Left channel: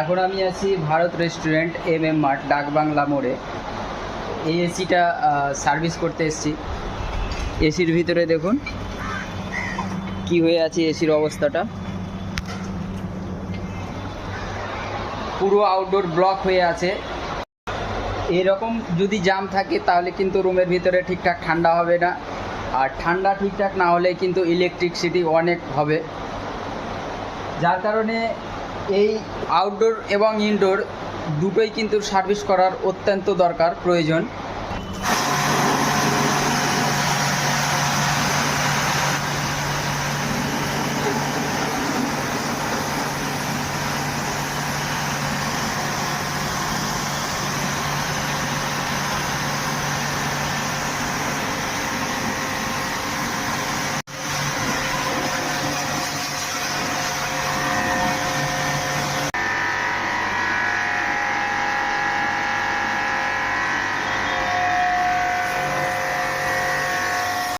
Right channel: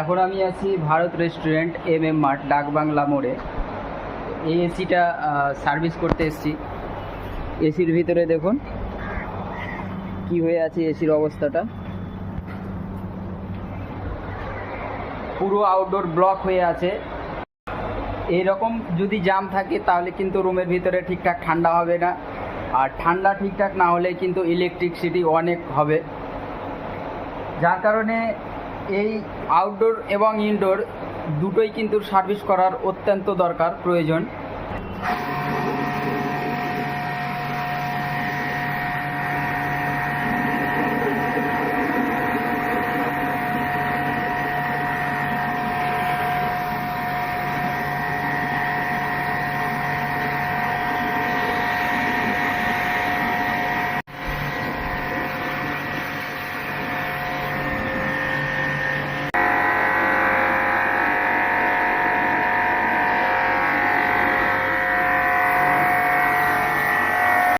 এখন আমি আছি ভারত রেস্টুরেন্ট মার্ট ডাকবাংলা মোড়ে। এই এসিটা সার্ভিস করতে এসেছি। এসির ভিতরে দেখুন কি হয়ে আছে এসির অবস্থাটা। পুরো আউটডোর ব্লক হয়ে আছে। এরকম যদি জাম থাকে তাহলে কিন্তু রুমের ভিতরে ঠিকঠাক ঠান্ডা হবে না, আর ঠান্ডা ঠিকঠাক না হলে কিন্তু ইলেকট্রিসিটি অনেক হবে। যার কারণে এই আউটডোর এবং ইনডোর দুটোই কিন্তু সার্ভিস করার অত্যন্ত দরকার, প্রয়োজন।